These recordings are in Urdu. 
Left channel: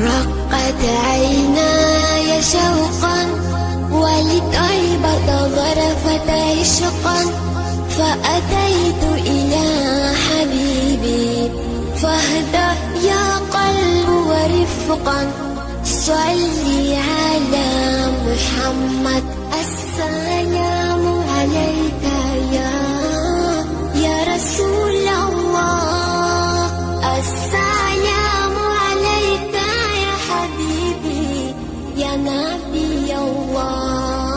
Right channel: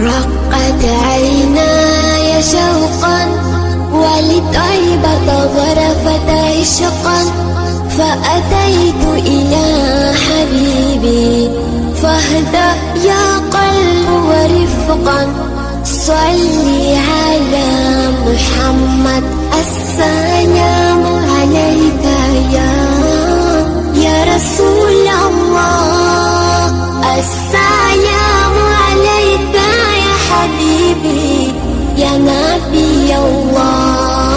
رقت عيناي شوقا ولطيبة ظرفت عشقا فأتيت إلى حبيبي فاهدأ يا قلب ورفقا صلي على محمد السلام عليك يا رسول الله السلام عليك يا حبيبي يا نبي الله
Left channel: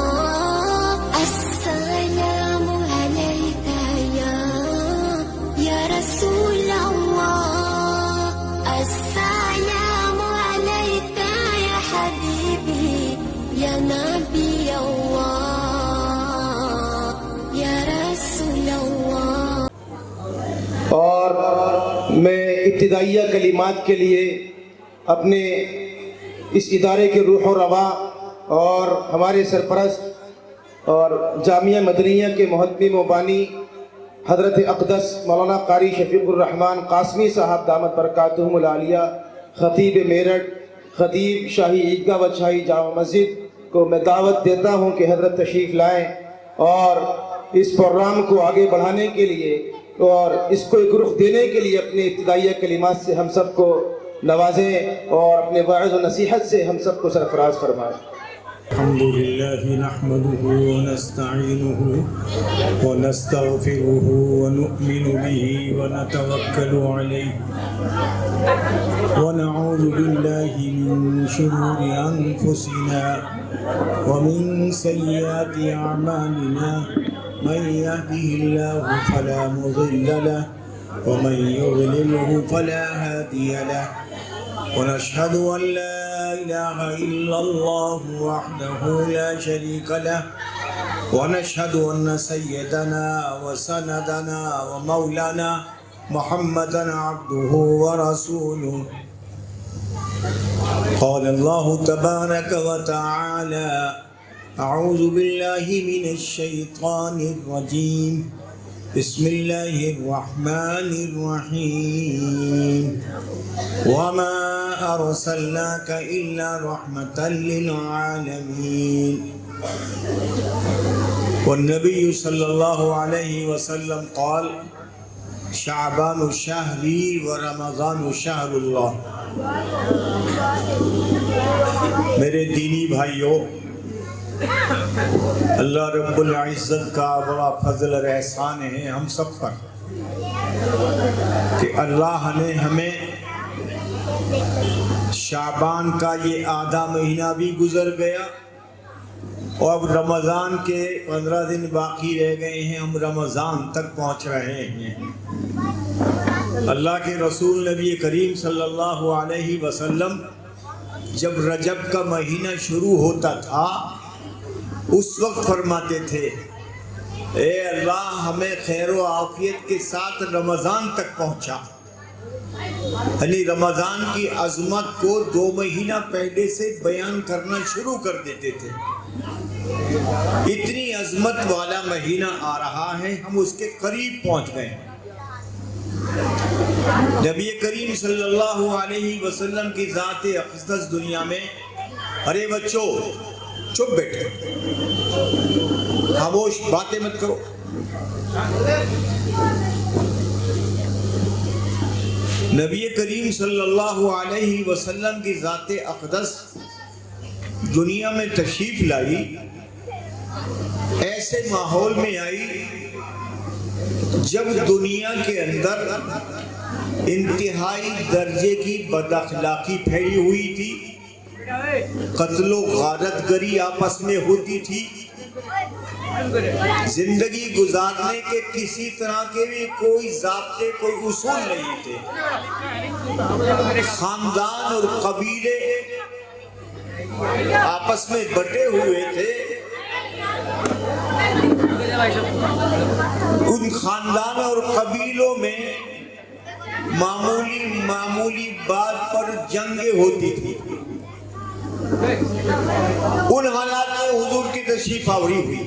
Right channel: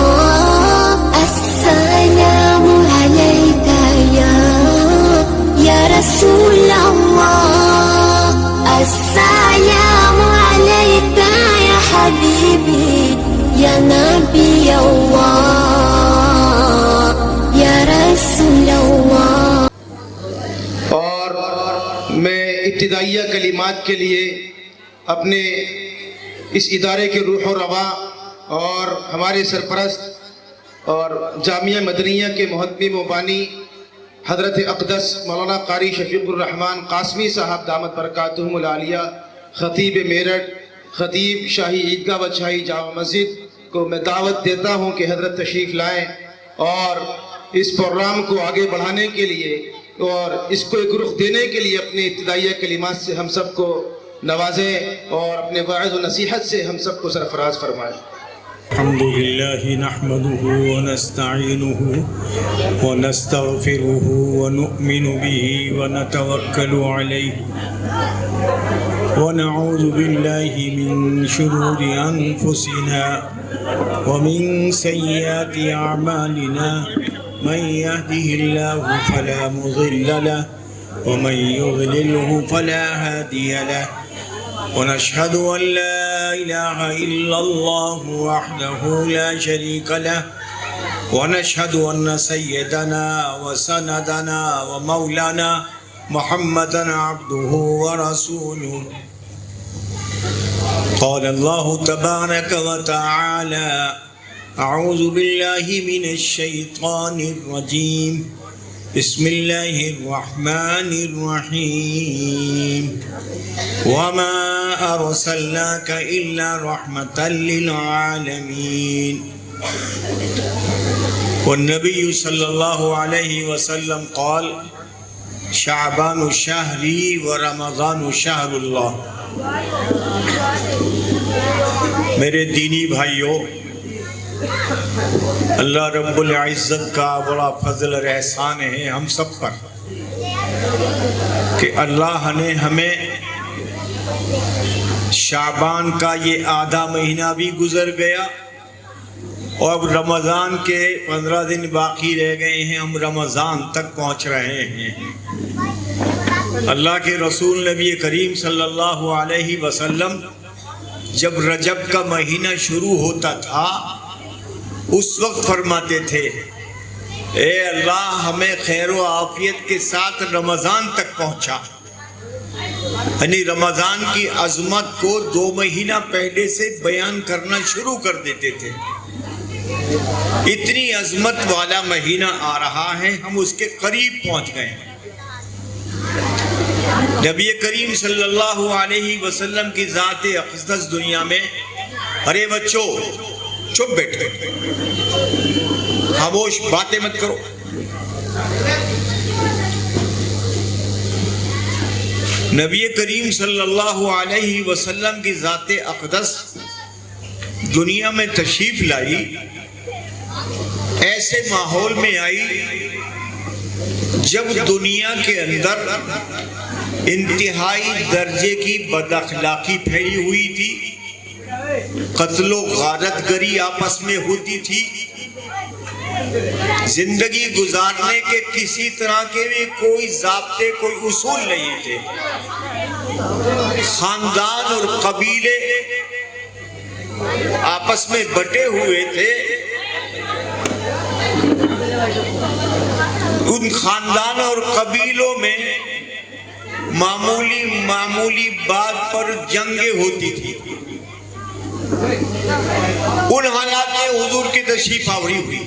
السلام عليك يا رسول الله السلام عليك يا حبيبي يا نبي الله يا رسول الله. اور میں ابتدائیہ کلمات کے لیے اپنے اس ادارے کے روح و رواں اور ہمارے سرپرست اور جامعہ مدنیہ کے محتمم و بانی حضرت اقدس مولانا قاری شفیق الرحمن قاسمی صاحب دامت برکاتہم العالیہ خطیب میرٹھ خطیب شاہی عیدگاہ و شاہی جامع مسجد کو میں دعوت دیتا ہوں کہ حضرت تشریف لائیں اور اس پروگرام کو آگے بڑھانے کے لیے اور اس کو ایک رخ دینے کے لیے اپنے ابتدائیہ کلمات سے ہم سب کو نوازیں اور اپنے واعظ و نصیحت سے ہم سب کو سرفراز فرمائیں. الحمد لله نحمده ونستعينه ونستغفره ونؤمن به ونتوكل عليه ونعوذ بالله من شرور أنفسنا ومن سيئات أعمالنا من يهده الله فلا مضل له ومن يضلله فلا هادي له ونشهد أن لا إله إلا الله وحده لا شريك له ونشهد أن سيدنا وسندنا ومولانا محمدا عبده ورسوله. قال الله تبارك وتعالى أعوذ بالله من الشيطان الرجيم بسم الله الرحمن الرحيم وما أرسلناك إلا رحمة للعالمين. والنبي صلى الله عليه وسلم قال شعبان شهري ورمضان شهر الله. میرے دینی بھائیوں، اللہ رب العزت کا بڑا فضل اور احسان ہے ہم سب پر کہ اللہ نے ہمیں شعبان کا یہ آدھا مہینہ بھی گزر گیا اور اب رمضان کے 15 دن باقی رہ گئے ہیں، ہم رمضان تک پہنچ رہے ہیں. اللہ کے رسول نبی کریم صلی اللہ علیہ وسلم جب رجب کا مہینہ شروع ہوتا تھا اس وقت فرماتے تھے اے اللہ ہمیں خیر و عافیت کے ساتھ رمضان تک پہنچا. یعنی رمضان کی عظمت کو 2 مہینہ پہلے سے بیان کرنا شروع کر دیتے تھے. اتنی عظمت والا مہینہ آ رہا ہے، ہم اس کے قریب پہنچ گئے. نبی کریم صلی اللہ علیہ وسلم کی ذات اقدس دنیا میں، ارے بچوں چپ بیٹھو، خاموش، باتیں مت کرو. نبی کریم صلی اللہ علیہ وسلم کی ذات اقدس دنیا میں تشریف لائی، ایسے ماحول میں آئی جب دنیا کے اندر انتہائی درجے کی بد اخلاقی پھیلی ہوئی تھی، قتل و غارت گری آپس میں ہوتی تھی، زندگی گزارنے کے کسی طرح کے بھی کوئی ضابطے، کوئی اصول نہیں تھے. خاندان اور قبیلے آپس میں بٹے ہوئے تھے. ان خاندان اور قبیلوں میں معمولی بات پر جنگیں ہوتی تھی. ان حالات میں حضور کی تشریف آوری ہوئی.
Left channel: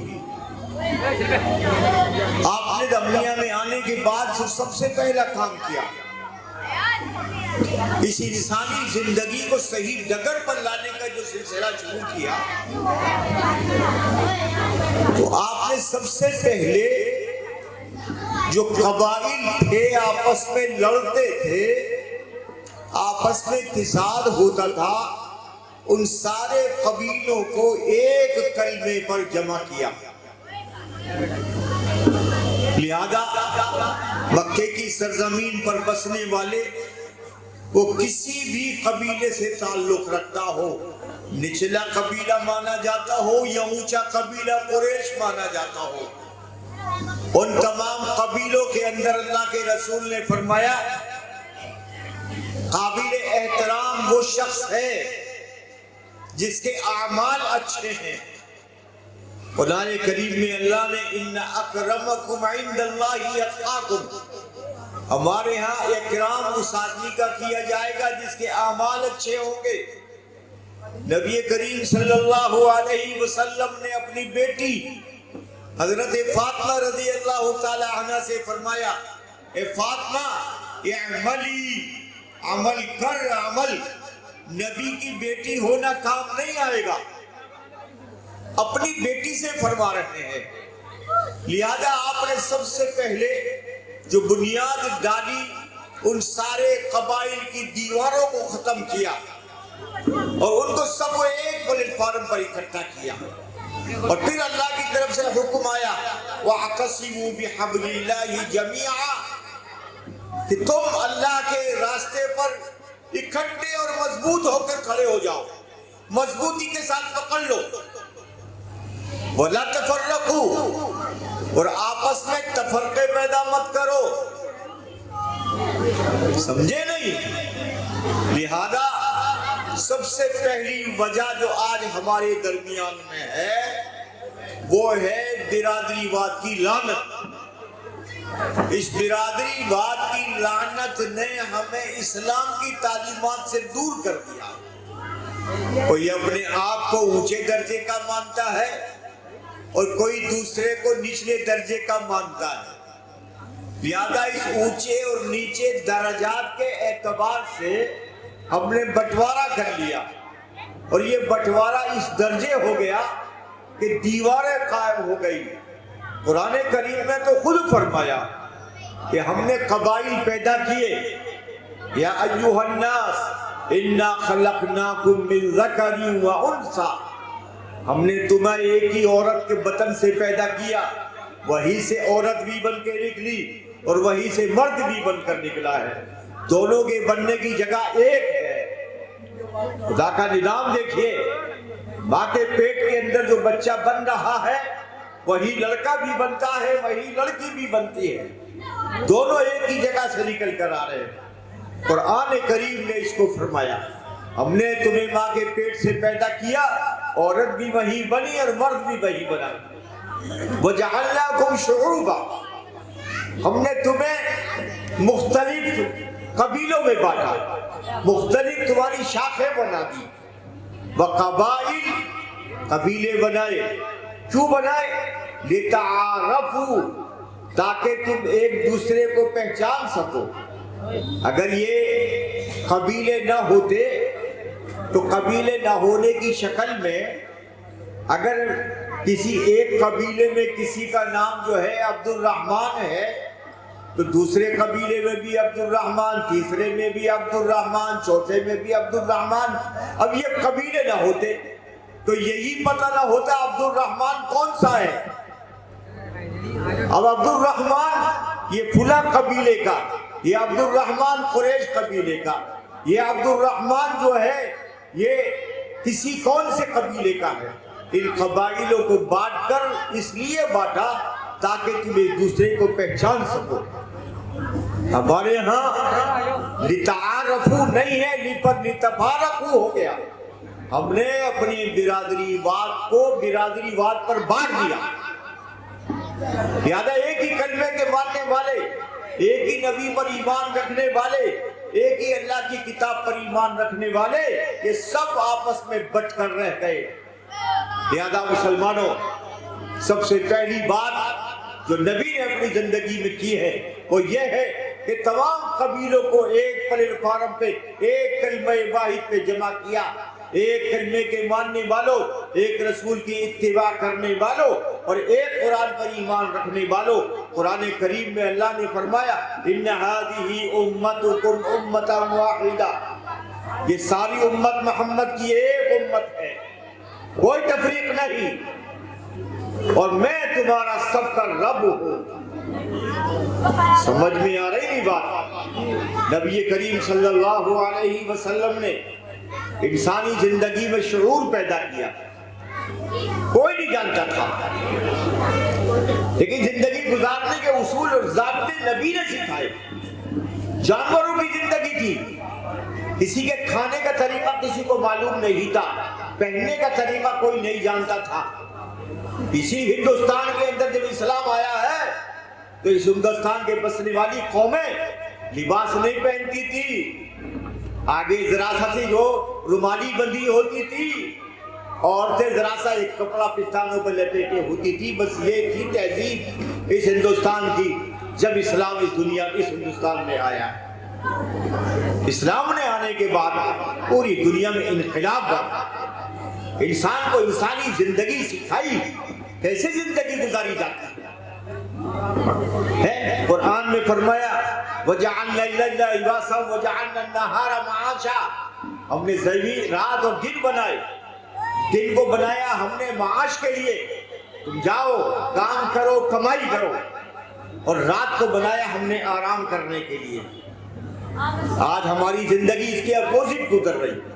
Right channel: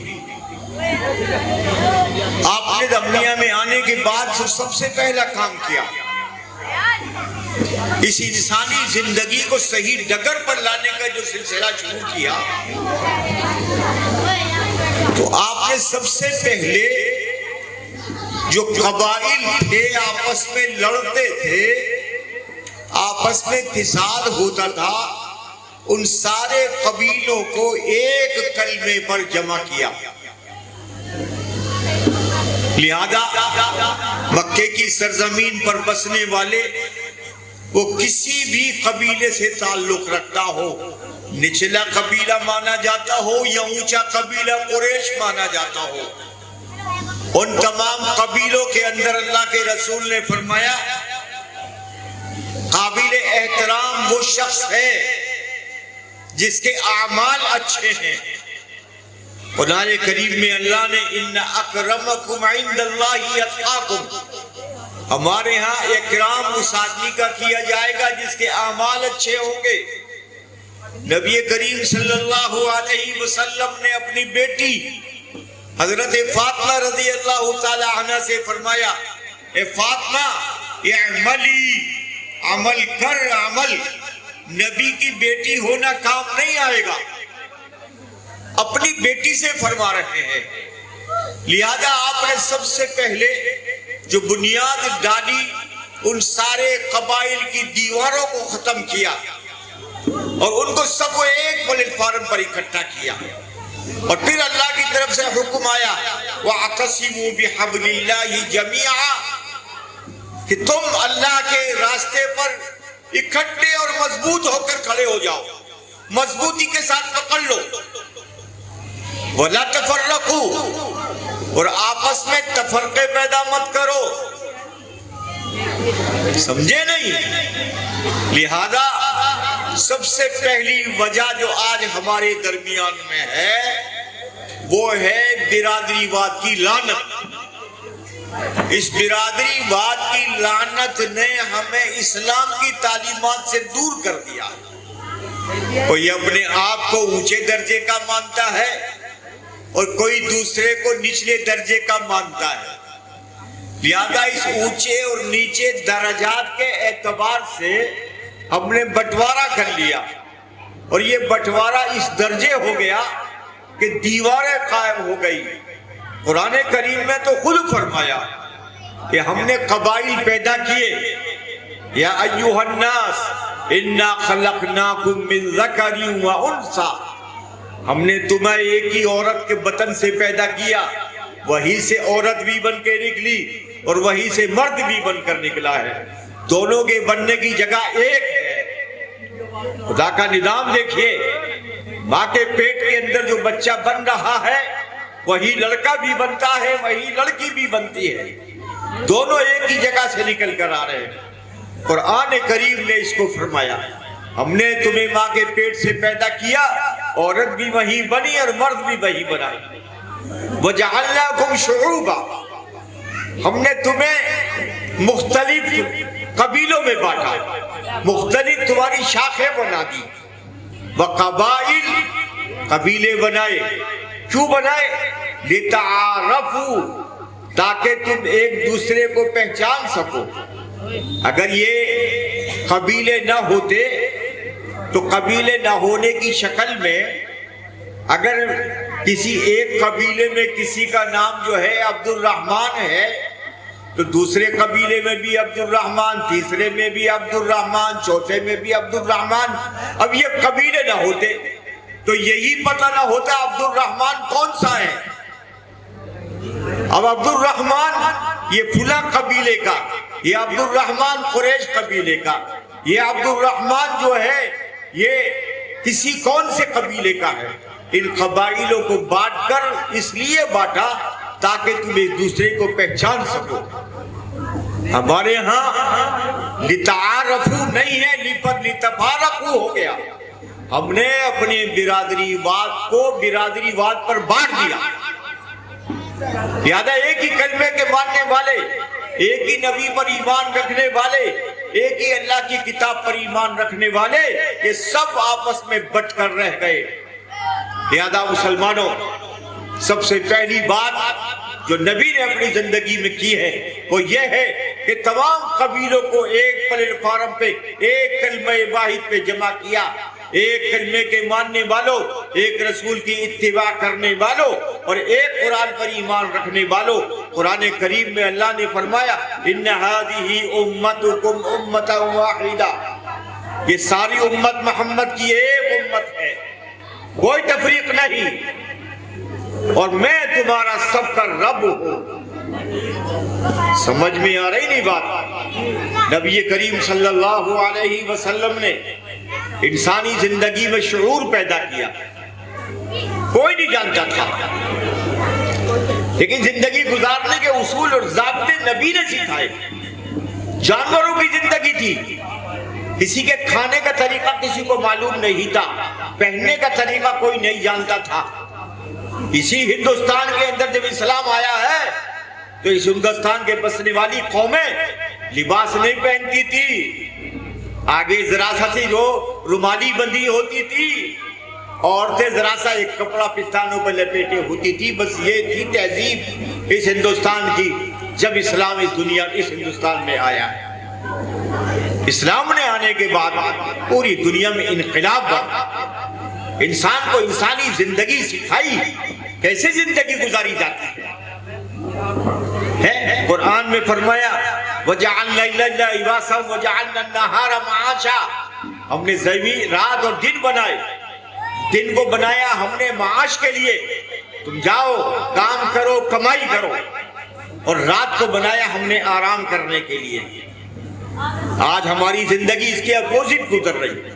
آپ نے دنیا میں آنے کے بعد سب سے پہلا کام کیا اس انسانی زندگی کو صحیح ڈگر پر لانے کا جو سلسلہ شروع کیا، تو آپ نے سب سے پہلے جو قبائل تھے آپس میں لڑتے تھے، آپس میں فساد ہوتا تھا، ان سارے قبیلوں کو ایک کلمے پر جمع کیا۔ لہذا مکے کی سرزمین پر بسنے والے وہ کسی بھی قبیلے سے تعلق رکھتا ہو، نچلا قبیلہ مانا جاتا ہو یا اونچا قبیلہ قریش مانا جاتا ہو، ان تمام قبیلوں کے اندر اللہ کے رسول نے فرمایا قابل احترام وہ شخص ہے جس کے اعمال اچھے ہیں۔ قرآن کریم میں اللہ نے ان اکرمکم عند اللہ اتقاکم، ہمارے ہاں اکرام اس آدمی کا کیا جائے گا جس کے اعمال اچھے ہوں گے۔ نبی کریم صلی اللہ علیہ وسلم نے اپنی بیٹی حضرت فاطمہ رضی اللہ تعالی عنہ سے فرمایا، اے فاطمہ اعملی، عمل کر، عمل۔ نبی کی بیٹی ہونا کام نہیں آئے گا، اپنی بیٹی سے فرما رہے ہیں۔ لہذا آپ نے سب سے پہلے جو بنیاد ڈالی، ان سارے قبائل کی دیواروں کو ختم کیا اور ان کو سب کو ایک پلیٹ فارم پر اکٹھا کیا، اور پھر اللہ کی طرف سے حکم آیا وَاعْتَصِمُوا بِحَبْلِ اللَّهِ جَمِيعًا، کہ تم اللہ کے راستے پر اکٹھے اور مضبوط ہو کر کھڑے ہو جاؤ، مضبوطی کے ساتھ پکڑ لو۔ وَلَا تَفَرَّقُوا، اور آپس میں تفرقے پیدا مت کرو، سمجھے نہیں؟ لہذا سب سے پہلی وجہ جو آج ہمارے درمیان میں ہے وہ ہے برادری واد کی لعنت۔ اس برادری واد کی لعنت نے ہمیں اسلام کی تعلیمات سے دور کر دیا۔ کوئی اپنے آپ کو اونچے درجے کا مانتا ہے اور کوئی دوسرے کو نچلے درجے کا مانتا ہے۔ لہذا اس اونچے اور نیچے درجات کے اعتبار سے ہم نے بٹوارا کر لیا، اور یہ بٹوارا اس درجے ہو گیا کہ دیواریں قائم ہو گئی۔ قرآن کریم میں تو خود فرمایا کہ ہم نے قبائل پیدا کیے، یا ایھا الناس انا خلقناکم من ذکر و انثی، ہم نے تمہیں ایک ہی عورت کے بطن سے پیدا کیا، وہی سے عورت بھی بن کے نکلی اور وہی سے مرد بھی بن کر نکلا ہے، دونوں کے بننے کی جگہ ایک ہے۔ خدا کا نظام دیکھیے، ماں کے پیٹ کے اندر جو بچہ بن رہا ہے وہی لڑکا بھی بنتا ہے، وہی لڑکی بھی بنتی ہے، دونوں ایک ہی جگہ سے نکل کر آ رہے ہیں۔ قرآن کریم نے اس کو فرمایا ہم نے تمہیں ماں کے پیٹ سے پیدا کیا، عورت بھی وہی بنی اور مرد بھی وہی بنائی۔ وَجَعَلْنَاكُمْ شُعُوبًا، ہم نے تمہیں مختلف قبیلوں میں بانٹا، مختلف تمہاری شاخیں بنا دی۔ وَقَبَائِلْ، قبیلے بنائے، کیوں بنائے؟ لِتَعَارَفُوا، تاکہ تم ایک دوسرے کو پہچان سکو۔ اگر یہ قبیلے نہ ہوتے تو قبیلے نہ ہونے کی شکل میں اگر کسی ایک قبیلے میں کسی کا نام جو ہے عبد الرحمن ہے تو دوسرے قبیلے میں بھی عبد الرحمن، تیسرے میں بھی عبد الرحمن، چوتھے میں بھی عبد الرحمن۔ اب یہ قبیلے نہ ہوتے تو یہی پتہ نہ ہوتا عبد الرحمن کون سا ہے۔ اب عبد الرحمن یہ فلاں قبیلے کا، یہ عبد الرحمن قریش قبیلے کا، یہ عبد الرحمن جو ہے یہ کسی کون سے قبیلے کا ہے۔ ان قبائلوں کو بانٹ کر اس لیے بانٹا تاکہ تم ایک دوسرے کو پہچان سکو۔ ہمارے ہاں لتعارفو نہیں ہے، لتفارقو ہو گیا۔ ہم نے اپنے برادری واد کو برادری واد پر بانٹ دیا۔ لہذا ایک ہی کلمے کے ماننے والے، ایک ہی نبی پر ایمان رکھنے والے، ایک ہی اللہ کی کتاب پر ایمان رکھنے والے، یہ سب آپس میں بٹ کر رہ گئے۔ لہذا مسلمانوں، سب سے پہلی بات جو نبی نے اپنی زندگی میں کی ہے وہ یہ ہے کہ تمام قبیلوں کو ایک پلیٹ فارم پہ ایک کلمہ واحد پہ جمع کیا، ایک کلمے کے ماننے والوں، ایک رسول کی اتباع کرنے والوں اور ایک قرآن پر ایمان رکھنے والوں۔ قرآن کریم میں اللہ نے فرمایا ان ہذہ امتکم امۃ واحدہ، یہ ساری امت محمد کی ایک امت ہے، کوئی تفریق نہیں، اور میں تمہارا سب کا رب ہوں۔ سمجھ میں آ رہی نہیں بات؟ نبی کریم صلی اللہ علیہ وسلم نے انسانی زندگی میں شعور پیدا کیا، کوئی نہیں جانتا تھا، لیکن زندگی گزارنے کے اصول اور ضابطے نبی نے سکھائے۔ جانوروں کی زندگی تھی، کسی کے کھانے کا طریقہ کسی کو معلوم نہیں تھا، پہننے کا طریقہ کوئی نہیں جانتا تھا۔ اسی ہندوستان کے اندر جب اسلام آیا ہے تو اس ہندوستان کے بسنے والی قومیں لباس نہیں پہنتی تھی، آگے ذرا سا سی جو رومالی بندی ہوتی تھی، عورتیں ذرا سا ایک کپڑا پستانوں پر لپیٹے ہوتی تھی، بس یہ تھی تہذیب اس ہندوستان کی۔ جب اسلام اس دنیا اس ہندوستان میں آیا، اسلام نے آنے کے بعد پوری دنیا میں انقلاب بڑھا، انسان کو انسانی زندگی سکھائی، کیسے زندگی گزاری جاتی ہے۔ قرآن میں فرمایا وَجَعَلْنَا اللَّيْلَ لِبَاسًا وَجَعَلْنَا النَّهَارَ مَعَاشًا، ہم نے زمین رات اور دن بنائے، دن کو بنایا ہم نے معاش کے لیے، تم جاؤ کام کرو کمائی کرو، اور رات کو بنایا ہم نے آرام کرنے کے لیے۔ آج ہماری زندگی اس کے اپوزٹ گزر رہی ہے،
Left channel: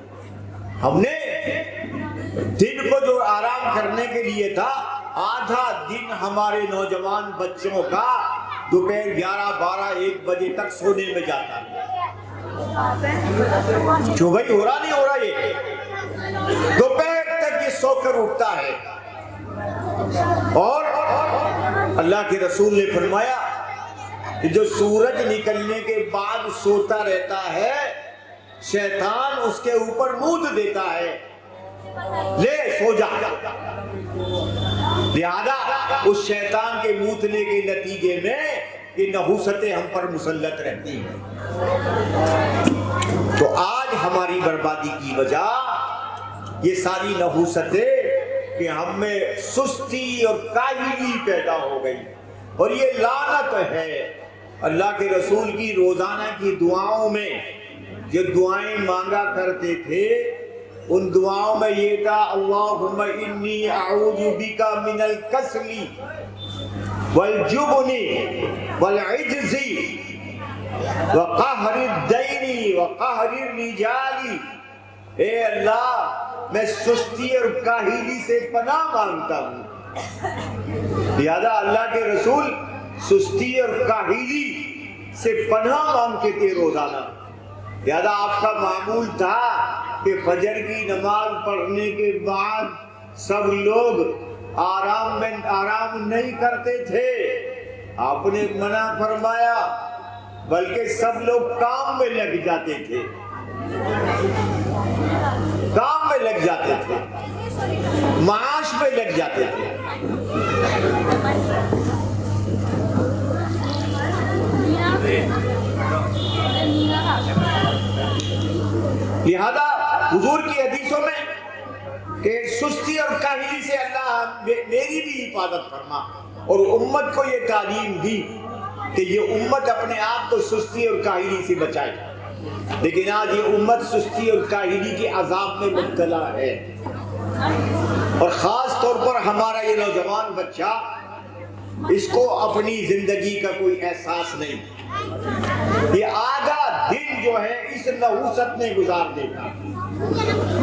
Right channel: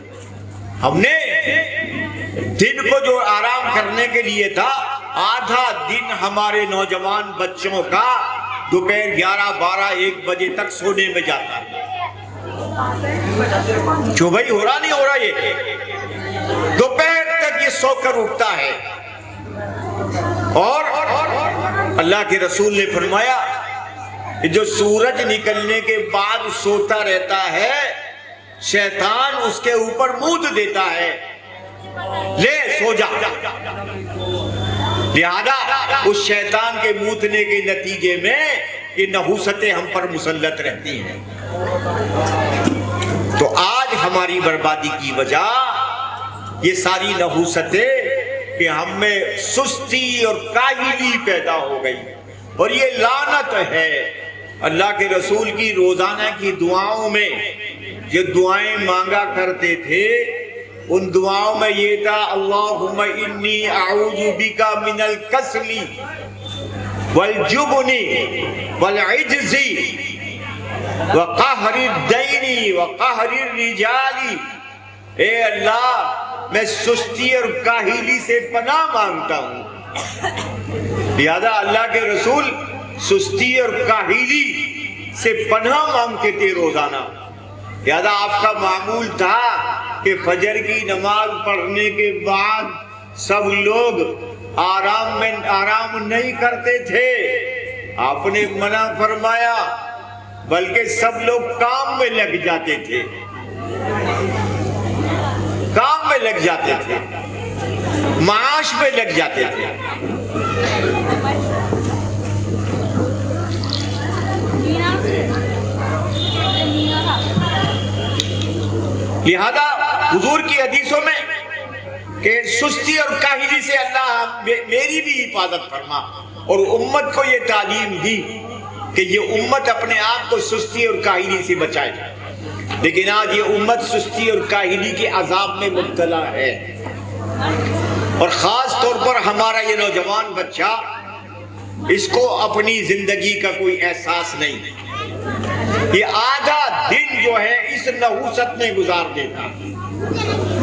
ہم نے دن کو جو آرام کرنے کے لیے تھا، آدھا دن ہمارے نوجوان بچوں کا دوپہر 11 12 1 بجے تک سونے میں جاتا ہے۔ جو بھائی ہو رہا نہیں ہو رہا، یہ دوپہر تک یہ سو کر اٹھتا ہے، اور اللہ کے رسول نے فرمایا کہ جو سورج نکلنے کے بعد سوتا رہتا ہے، شیطان اس کے اوپر مود دیتا ہے، لے سو جا۔ لہذا اس شیطان کے موتنے کے نتیجے میں یہ نحوستیں ہم پر مسلط رہتی ہیں۔ تو آج ہماری بربادی کی وجہ یہ ساری نحوستیں کہ ہم میں سستی اور کاہلی پیدا ہو گئی، اور یہ لعنت ہے۔ اللہ کے رسول کی روزانہ کی دعاؤں میں جو دعائیں مانگا کرتے تھے، ان دعاؤں میں یہ تھا اللہم انی اعوذ بک من الکسل والجبن والعجز وقہر الدین وقہر الرجال، اے اللہ میں سستی اور کاہلی سے پناہ مانگتا ہوں۔ لہذا اللہ کے رسول سستی اور کاہلی سے پناہ مانگتے تھے روزانہ۔ لہذا آپ کا معمول تھا کہ فجر کی نماز پڑھنے کے بعد سب لوگ آرام نہیں کرتے تھے، آپ نے منع فرمایا، بلکہ سب لوگ کام میں لگ جاتے تھے، کام میں لگ جاتے تھے، معاش میں لگ جاتے تھے۔ لہذا حضور کی حدیثوں میں کہ سستی اور کاہلی سے اللہ میری بھی حفاظت فرما، اور امت کو یہ تعلیم دی کہ یہ امت اپنے آپ کو سستی اور کاہلی سے بچائے، لیکن آج یہ امت سستی اور کاہلی کے عذاب میں مبتلا ہے، اور خاص طور پر ہمارا یہ نوجوان بچہ، اس کو اپنی زندگی کا کوئی احساس نہیں، یہ آدھا دن جو ہے اس نحوست میں گزار دیتا،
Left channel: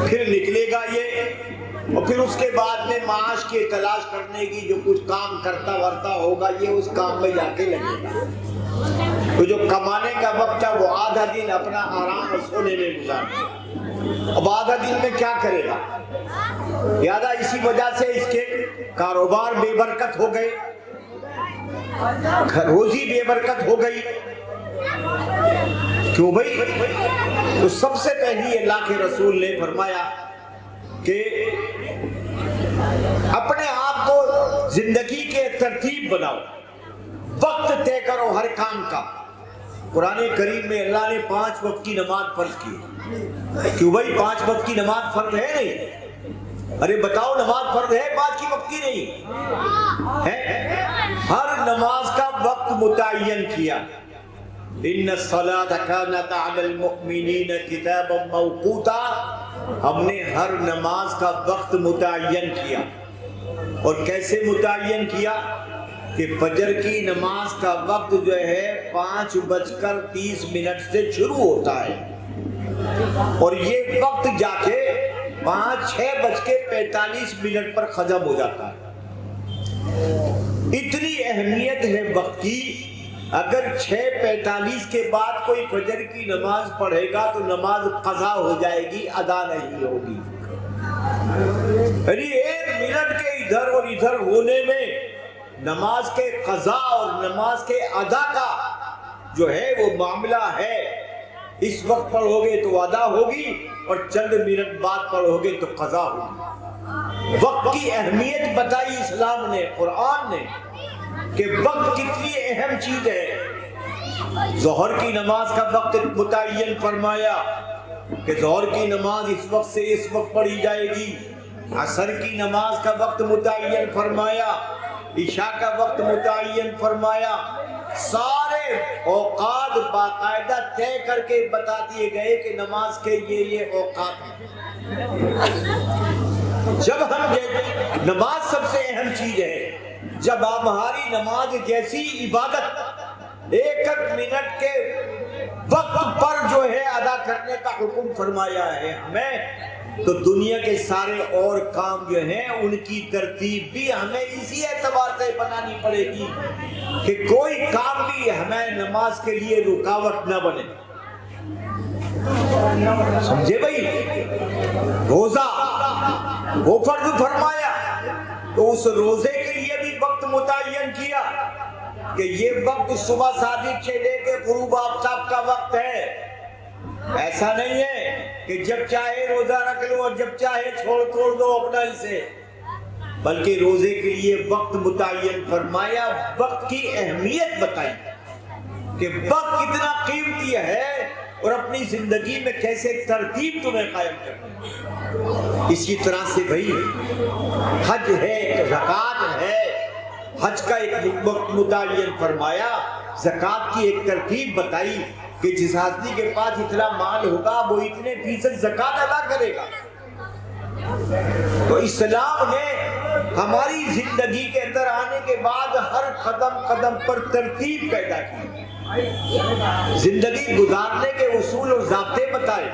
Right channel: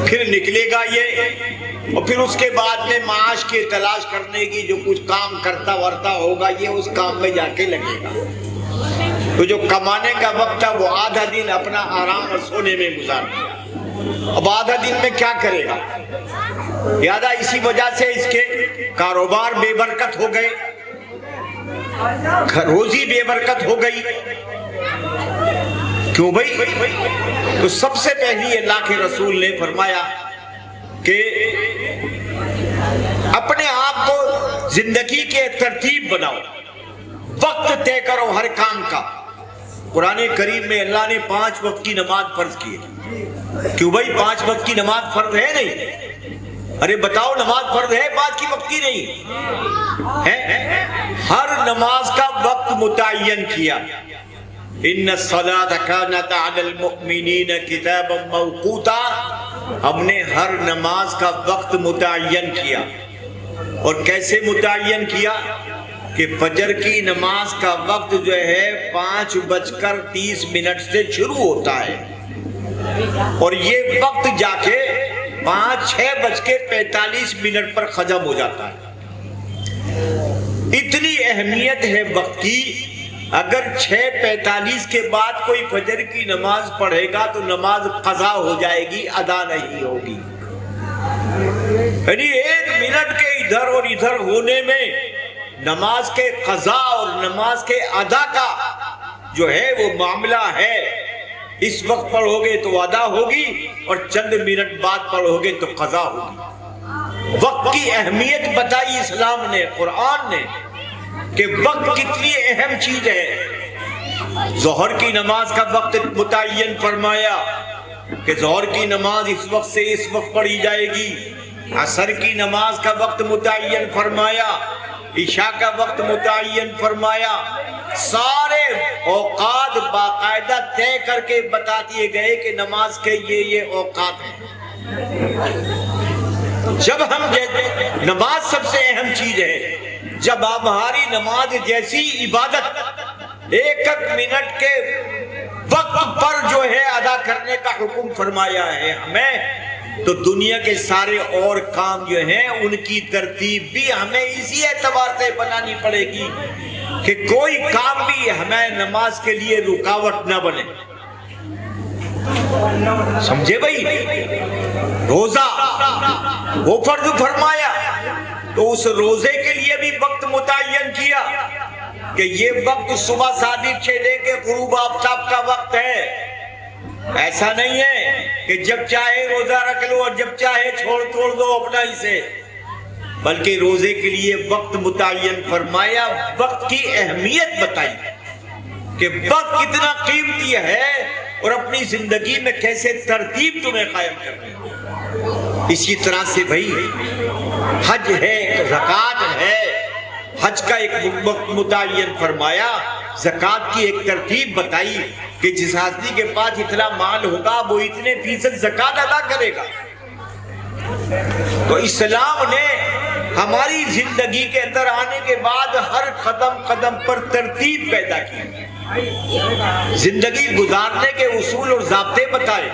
پھر نکلے گا یہ، اور پھر اس کے بعد میں معاش کی تلاش کرنے کی جو کچھ کام کرتا ورتا ہوگا، یہ اس کام میں جا کے لگے گا۔ تو جو کمانے کا وقت تھا وہ آدھا دن اپنا آرام اور سونے میں گزار دیا، اب آدھا دن میں کیا کرے گا؟ لہذا اسی وجہ سے اس کے کاروبار بے برکت ہو گئے، روزی بے برکت ہو گئی۔ کیوں بھائی؟ تو سب سے پہلی اللہ کے رسول نے فرمایا کہ اپنے آپ کو زندگی کے ترتیب بناؤ، وقت طے کرو ہر کام کا، قرآن کریم میں اللہ نے 5 وقت کی نماز فرض کی ہے. کیوں بھائی 5 وقت کی نماز فرض ہے نہیں؟ ارے بتاؤ نماز فرض ہے 5 کی وقت کی نہیں ہے؟ ہر نماز کا وقت متعین کیا. ان الصلاۃ کانت علی المؤمنین کتابا موقوتا. ہم نے ہر نماز کا وقت متعین کیا. اور کیسے متعین کیا؟ کہ فجر کی نماز کا وقت جو ہے 5:30 سے شروع ہوتا ہے اور یہ وقت جا کے 6:45 پر ختم ہو جاتا ہے. اتنی اہمیت ہے وقت کی. اگر 6:45 کے بعد کوئی فجر کی نماز پڑھے گا تو نماز قضا ہو جائے گی، ادا نہیں ہوگی. یعنی 1 منٹ کے ادھر اور ادھر ہونے میں نماز کے قضا اور نماز کے ادا کا جو ہے وہ معاملہ ہے. اس وقت پڑھو گے تو ادا ہوگی اور چند منٹ بعد پڑھو گے تو قضا ہوگی. وقت کی اہمیت بتائی اسلام نے، قرآن نے، کہ وقت کتنی اہم چیز ہے. ظہر کی نماز کا وقت متعین فرمایا کہ ظہر کی نماز اس وقت سے اس وقت پڑھی جائے گی. عصر کی نماز کا وقت متعین فرمایا، عشاء کا وقت متعین فرمایا. سارے اوقات باقاعدہ طے کر کے بتا دیے گئے کہ نماز کے یہ اوقات ہیں. جب ہم نماز سب سے اہم چیز ہے. جب ہماری نماز جیسی عبادت 1 منٹ کے وقت پر جو ہے ادا کرنے کا حکم فرمایا ہے ہمیں، تو دنیا کے سارے اور کام جو ہیں ان کی ترتیب بھی ہمیں اسی اعتبار سے بنانی پڑے گی کہ کوئی کام بھی ہمیں نماز کے لیے رکاوٹ نہ بنے. سمجھے بھائی؟ روزہ وہ فرض فرمایا تو اس روزے کے لیے بھی وقت متعین کیا کہ یہ وقت صبح صادق سے لے کے غروب آفتاب کا وقت ہے. ایسا نہیں ہے کہ جب چاہے روزہ رکھ لو اور جب چاہے چھوڑ دو اپنا ہی سے، بلکہ روزے کے لیے وقت متعین فرمایا. وقت کی اہمیت بتائی کہ وقت کتنا قیمتی ہے اور اپنی زندگی میں کیسے ترتیب تمہیں قائم کرنی ہے. اسی طرح سے بھائی حج ہے، زکوٰۃ ہے. حج کا ایک وقت متعین فرمایا، زکوٰۃ کی ایک ترتیب بتائی کہ جس آدمی کے پاس اتنا مال ہوگا وہ اتنے فیصد زکوٰۃ ادا کرے گا. تو اسلام نے ہماری زندگی کے اندر آنے کے بعد ہر قدم قدم پر ترتیب پیدا کی، زندگی گزارنے کے اصول اور ضابطے بتائے.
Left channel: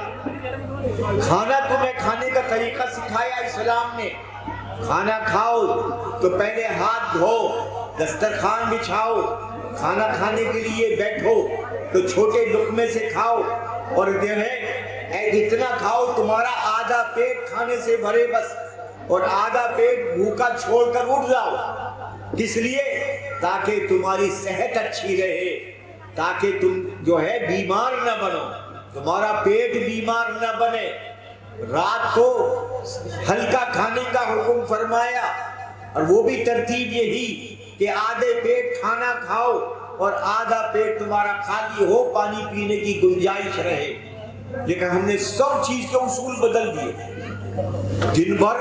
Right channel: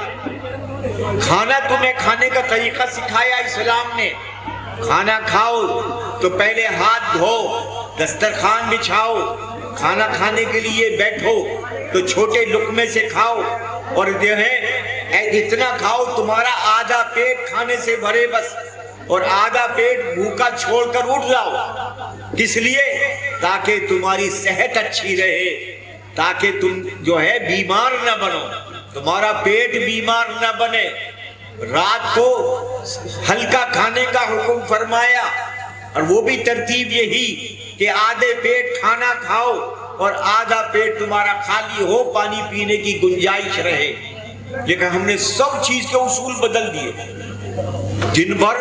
کھانا تمہیں کھانے کا طریقہ سکھایا اسلام نے. کھانا کھاؤ تو پہلے ہاتھ دھو، دسترخوان بچھاؤ، کھانا کھانے کے لیے بیٹھو تو چھوٹے لقمے سے کھاؤ اور جو ہے اتنا کھاؤ تمہارا آدھا پیٹ کھانے سے بھرے بس، اور آدھا پیٹ بھوکا چھوڑ کر اٹھ جاؤ. کس لیے؟ تاکہ تمہاری صحت اچھی رہے، تاکہ تم جو ہے بیمار نہ بنو، تمہارا پیٹ بیمار نہ بنے. رات کو ہلکا کھانے کا حکم فرمایا اور وہ بھی ترتیب یہی کہ آدھے پیٹ کھانا کھاؤ اور آدھا پیٹ تمہارا خالی ہو، پانی پینے کی گنجائش رہے. لیکن ہم نے سب چیز کے اصول بدل دیے. دن بھر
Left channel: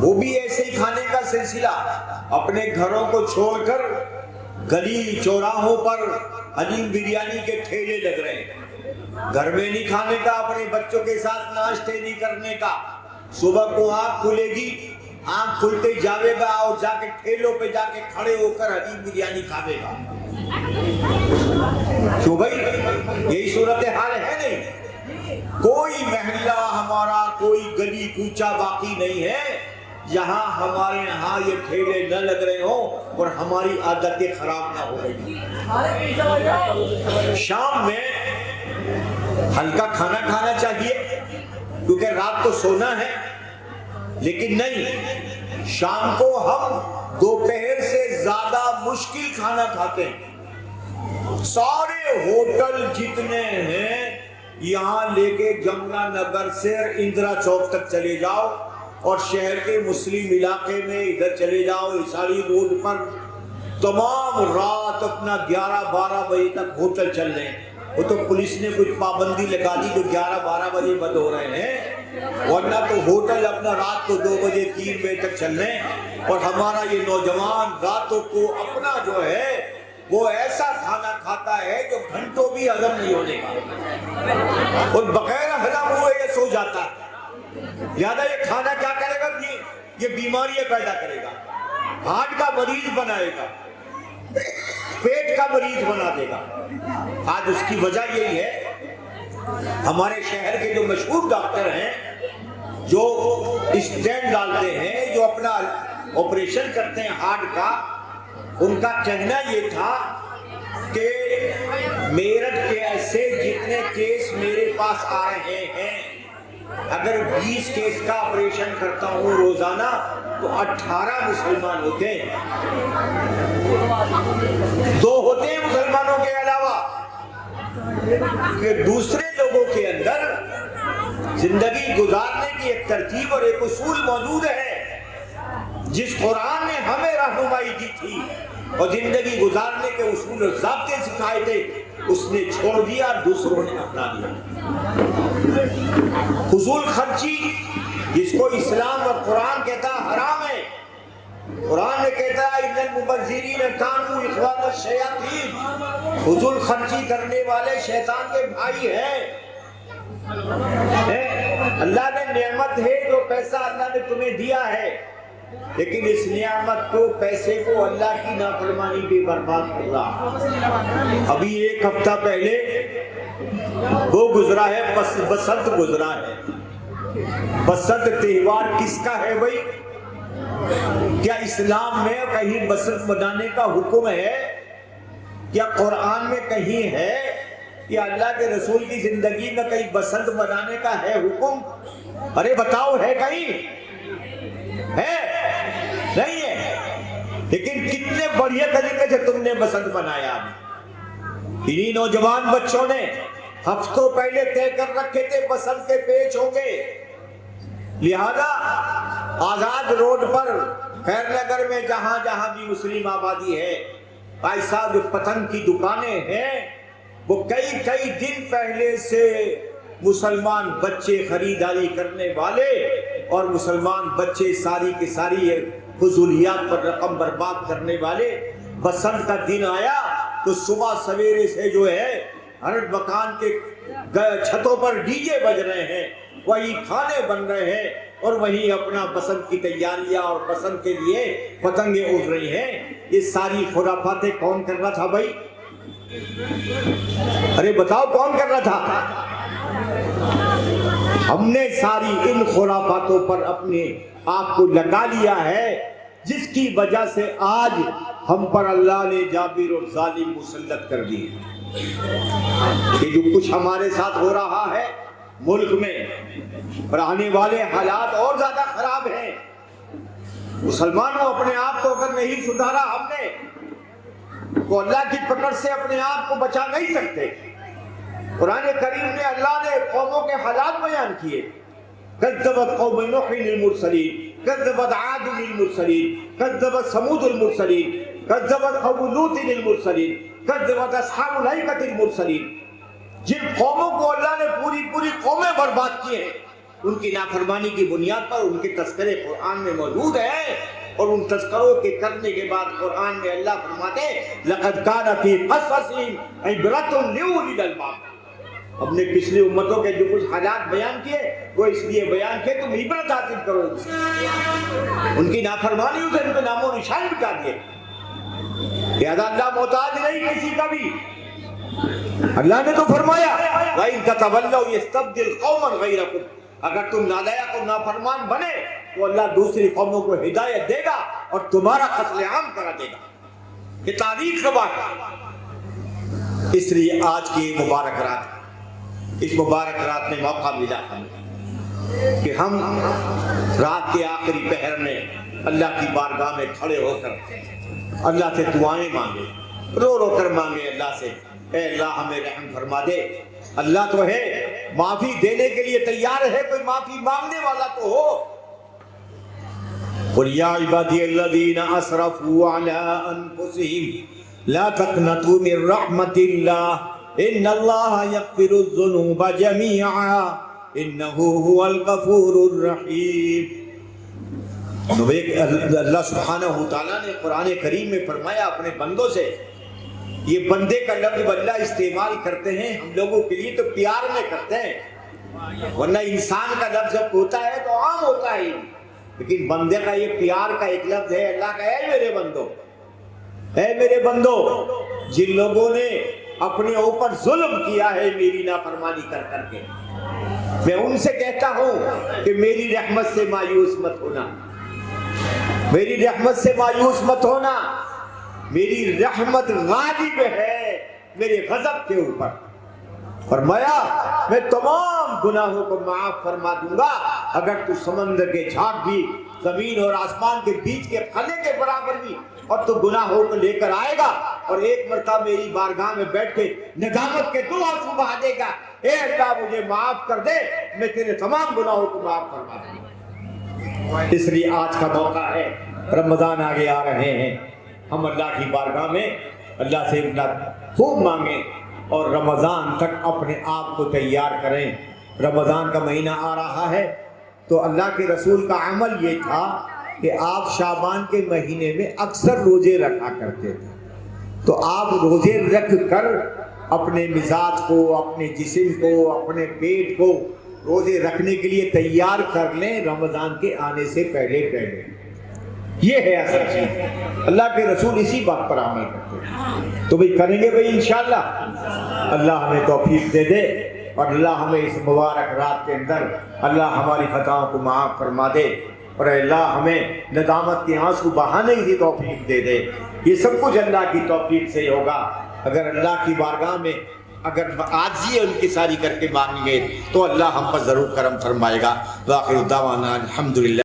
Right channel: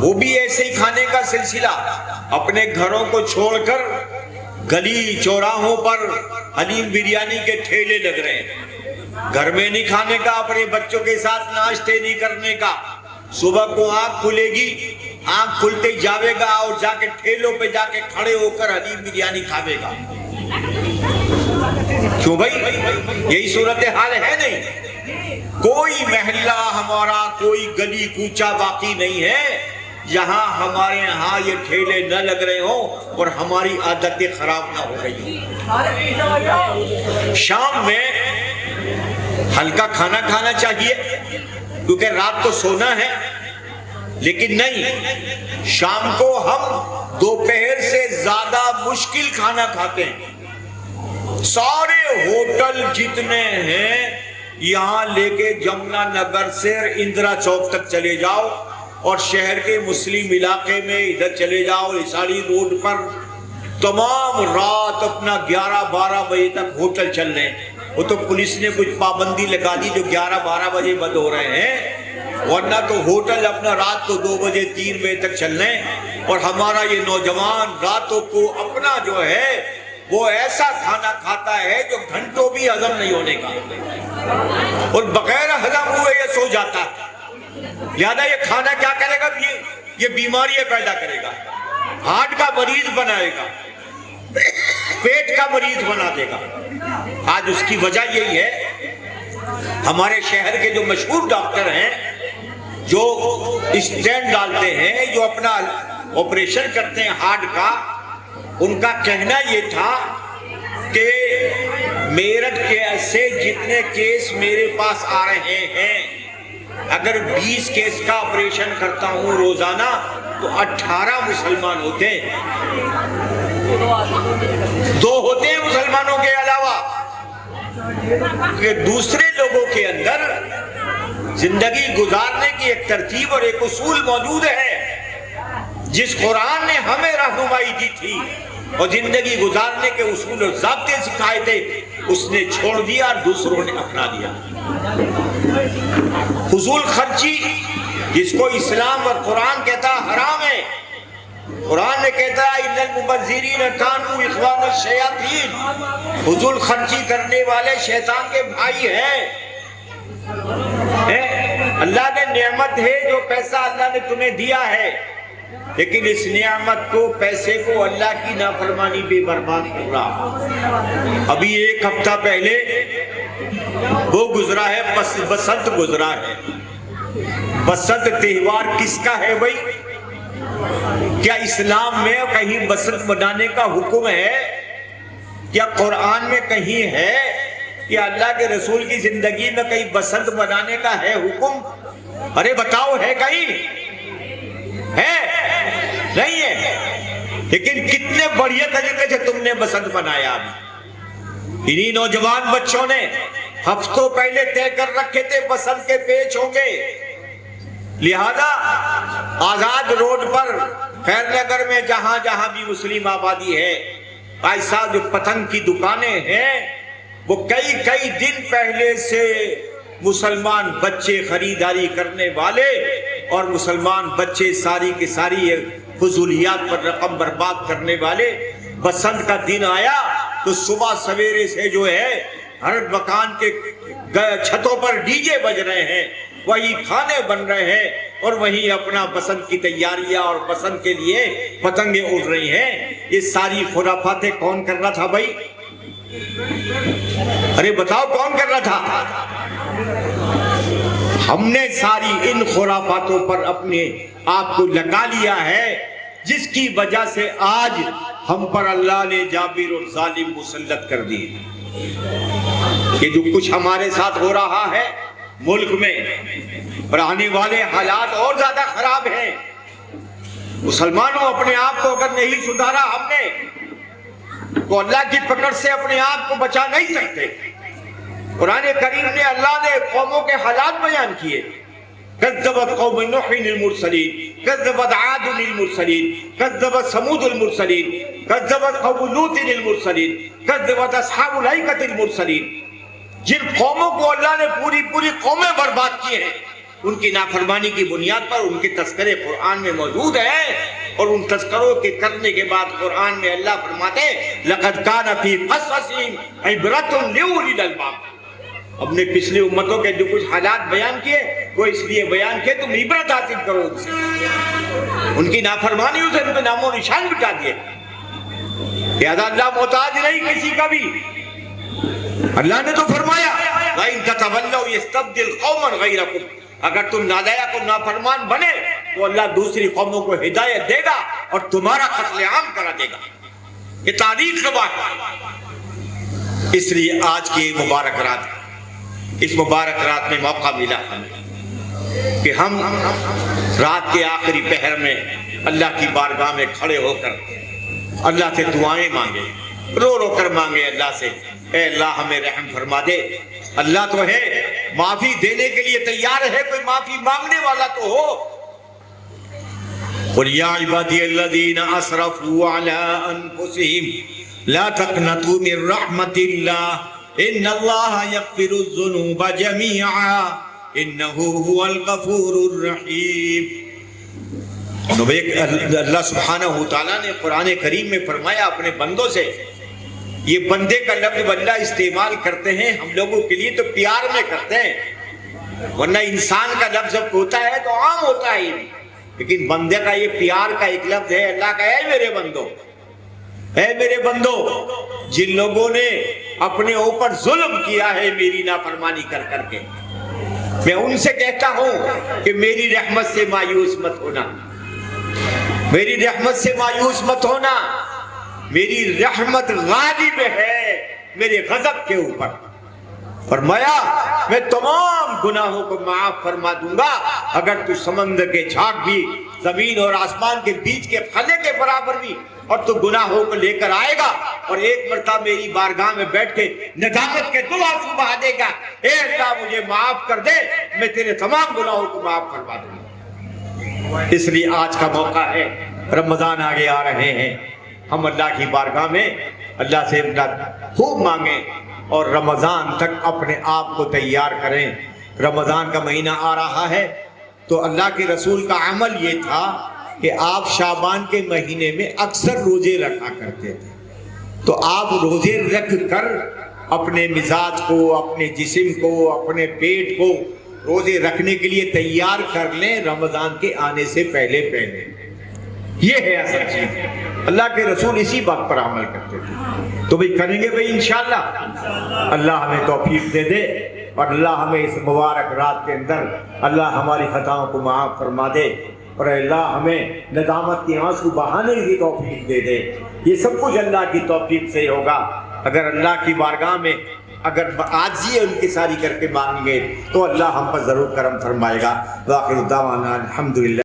وہ بھی ایسے ہی کھانے کا سلسلہ، اپنے گھروں کو چھوڑ کر گلی چوراہوں پر حلیم بریانی کے ٹھیلے لگ رہے ہیں. گھر میں نہیں کھانے کا، اپنے بچوں کے ساتھ ناشتے نہیں کرنے کا. صبح کو آنکھ کھلے گی، آنکھ کھلتے جاوے گا اور جا کے ٹھیلوں پہ جا کے کھڑے ہو کر حلیم بریانی کھاوے گا. کیوں بھائی؟ یہی صورتحال ہے نہیں. کوئی محلہ ہمارا، کوئی گلی کوچہ باقی نہیں ہے جہاں ہمارے ہاں یہ ٹھیلے نہ لگ رہے ہوں اور ہماری عادتیں خراب نہ ہو رہی ہیں. شام میں ہلکا کھانا کھانا چاہیے کیونکہ رات کو سونا ہے، لیکن نہیں، شام کو ہم دوپہر سے زیادہ مشکل کھانا کھاتے ہیں. سارے ہوٹل جتنے ہیں یہاں لے کے جمنا نگر سے اندرا چوک تک چلے جاؤ اور شہر کے مسلم علاقے میں ادھر چلے جاؤ، اساڑی روڈ پر تمام رات اپنا 11-12 بجے تک ہوٹل چل رہے ہیں. وہ تو پولیس نے کچھ پابندی لگا دی جو 11-12 بجے بند ہو رہے ہیں، ورنہ تو ہوٹل اپنا رات کو 2 بجے 3 بجے تک چل رہے ہیں. اور ہمارا یہ نوجوان راتوں کو اپنا جو ہے وہ ایسا کھانا کھاتا ہے جو گھنٹوں بھی ہضم نہیں ہونے کا، اور بغیر ہضم ہوئے یہ سو جاتا ہے. لہذا یہ کھانا کیا کرے گا؟ یہ بیماریاں پیدا کرے گا، ہارٹ کا مریض بنائے گا، پیٹ کا مریض بنا دے گا. آج اس کی وجہ یہی ہے ہمارے شہر کے جو مشہور ڈاکٹر ہیں جو اسٹینڈ ڈالتے ہیں، جو اپنا آپریشن کرتے ہیں ہارٹ کا، ان کا کہنا یہ تھا کہ میرٹھ کے سے جتنے کیس میرے پاس آ رہے ہیں، اگر 20 کیس کا آپریشن کرتا ہوں روزانہ تو 18 مسلمان ہوتے ہیں، 2 ہوتے ہیں مسلمانوں کے علاوہ. کہ دوسرے لوگوں کے اندر زندگی گزارنے کی ایک ترتیب اور ایک اصول موجود ہے جس قرآن نے ہمیں رہنمائی دی تھی اور زندگی گزارنے کے اصول اور ضابطے سکھائے تھے، اس نے چھوڑ دیا اور دوسروں نے اپنا دیا. فضول خرچی جس کو اسلام اور قرآن کہتا حرام ہے. قرآن نے کہتا ہے ان المبذرین کانوا اخوان الشیاطین، فضول خرچی کرنے والے شیطان کے بھائی ہیں. اللہ نے نعمت ہے جو پیسہ اللہ نے تمہیں دیا ہے، لیکن اس نعمت کو پیسے کو اللہ کی نافرمانی پہ برباد کر رہا. ابھی 1 ہفتہ پہلے وہ گزرا ہے، بسنت گزرا ہے. بسنت تہوار کس کا ہے بھائی؟ کیا اسلام میں کہیں بسنت منانے کا حکم ہے؟ کیا قرآن میں کہیں ہے کہ اللہ کے رسول کی زندگی میں کہیں بسنت منانے کا ہے حکم؟ ارے بتاؤ، ہے کہیں؟ ہے؟ نہیں ہے. لیکن کتنے بڑھیا طریقے سے تم نے بسنت منایا. انہی نوجوان بچوں نے ہفتوں پہلے طے کر رکھے تھے بسنت کے پیچ ہوں گے، لہذا آزاد روڈ پر خیر نگر میں جہاں جہاں بھی مسلم آبادی ہے، ایسا جو پتنگ کی دکانیں ہیں وہ کئی دن پہلے سے مسلمان بچے خریداری کرنے والے اور مسلمان بچے ساری کی ساری فضولیات پر رقم برباد کرنے والے. بسنت کا دن آیا تو صبح سویرے سے جو ہے ہر مکان کے چھتوں پر ڈی جے بج رہے ہیں، وہی کھانے بن رہے ہیں اور وہی اپنا بسنت کی تیاریاں اور بسنت کے لیے پتنگیں اڑ رہی ہیں. یہ ساری خرافاتیں کون کر رہا تھا بھائی؟ ارے بتاؤ کون کر رہا تھا؟ ہم نے ساری ان خرافاتوں پر اپنے آپ کو لگا لیا ہے، جس کی وجہ سے آج ہم پر اللہ نے جابر اور ظالم مسلط کر دی. کہ جو کچھ ہمارے ساتھ ہو رہا ہے ملک میں، اور آنے والے حالات اور زیادہ خراب ہیں. مسلمانوں اپنے آپ کو اگر نہیں سدھارا ہم نے تو اللہ کی پکڑ سے اپنے آپ کو بچا نہیں سکتے. قرآن کریم نے اللہ نے قوموں کے حالات بیان کیے. کذبت قوم نوح المرسلین، کذبت عاد المرسلین، کذبت ثمود المرسلین، کذبت قوم لوط المرسلین، کذبت اصحاب الایکۃ المرسلین. جن قوموں کو اللہ نے پوری قومیں برباد کی ہیں، ان کی نافرمانی کی بنیاد پر ان کے تذکرے قرآن میں موجود ہیں. اور ان تذکروں کے کرنے کے بعد قرآن میں اللہ فرماتے لقد کان فی قصصہم عبرۃ لاولی الالباب. اپنے پچھلی امتوں کے جو کچھ حالات بیان کیے وہ اس لیے بیان کیے تم عبرت حاصل کرو ان سے. ان کی نافرمانیوں سے ان کے نام و نشان مٹا دیے. لہذا اللہ محتاج نہیں کسی کا بھی. اللہ نے تو فرمایا وَإِن تَتَوَلَّوْا يَسْتَبْدِلْ قَوْمًا غَيْرَكُمْ. اگر تم نالائق اور نافرمان بنے تو اللہ دوسری قوموں کو ہدایت دے گا اور تمہارا قتل عام کرا دے گا. یہ تاریخ کا بات ہے. اس لیے آج کی مبارک رات، اس مبارک رات میں موقع ملا ہمیں کہ ہم رات کے آخری پہر میں اللہ کی بارگاہ میں کھڑے ہو کر اللہ سے دعائیں مانگے، رو کر مانگے اللہ سے اے اللہ ہمیں رحم فرما دے. اللہ تو ہے معافی دینے کے لیے تیار ہے، کوئی معافی مانگنے والا تو ہو. قُلْ يَا عِبَادِيَ الَّذِينَ أَسْرَفُوا عَلَىٰ أَنفُسِهِمْ لا تقنطوا من رحمت اللہ ان اللہ یغفر الذنوب جميعا انہ هو الغفور الرحیم۔ اللہ سبحانہ وتعالیٰ نے قرآن کریم میں فرمایا اپنے بندوں سے، یہ بندے کا لفظ اللہ استعمال کرتے ہیں ہم لوگوں کے لیے تو پیار میں کرتے ہیں، ورنہ انسان کا لفظ جب ہوتا ہے تو عام ہوتا ہے، لیکن بندے کا یہ پیار کا ایک لفظ ہے۔ اللہ کا اے میرے بندو، اے میرے بندو، جن لوگوں نے اپنے اوپر ظلم کیا ہے میری نافرمانی کر کر کے، میں ان سے کہتا ہوں کہ میری رحمت سے مایوس مت ہونا، میری رحمت سے مایوس مت ہونا، میری رحمت غالب ہے میرے غضب کے اوپر۔ فرمایا میں تمام گناہوں کو معاف فرما دوں گا اگر تو سمندر کے جھاگ بھی، زمین اور آسمان کے بیچ کے پھلے کے برابر بھی، اور تو گناہوں کو لے کر آئے گا اور ایک مرتبہ میری بارگاہ میں بیٹھ کے ندامت کے دو آنسو بہا دے گا، اے اللہ مجھے معاف کر دے، میں تیرے تمام گناہوں کو معاف فرما دوں گا۔ اس لیے آج کا موقع ہے، رمضان آگے آ رہے ہیں، ہم اللہ کی بارگاہ میں اللہ سے خوب مانگیں اور رمضان تک اپنے آپ کو تیار کریں۔ رمضان کا مہینہ آ رہا ہے تو اللہ کے رسول کا عمل یہ تھا کہ آپ شعبان کے مہینے میں اکثر روزے رکھا کرتے تھے، تو آپ روزے رکھ کر اپنے مزاج کو، اپنے جسم کو، اپنے پیٹ کو روزے رکھنے کے لیے تیار کر لیں رمضان کے آنے سے پہلے پہلے۔ یہ ہے اصل چیز، اللہ کے رسول اسی بات پر عمل کرتے تھے، تو بھی کریں گے بھائی انشاءاللہ۔ اللہ ہمیں توفیق دے دے اور اللہ ہمیں اس مبارک رات کے اندر اللہ ہماری خطاؤں کو معاف فرما دے، اور اللہ ہمیں ندامت کے آنسو بہانے کی توفیق دے دے۔ یہ سب کچھ اللہ کی توفیق سے ہوگا، اگر اللہ کی بارگاہ میں اگر عاجزی انکساری کر کے مانگیں گے تو اللہ ہم پر ضرور کرم فرمائے گا۔ وآخر دعوانا الحمدللہ۔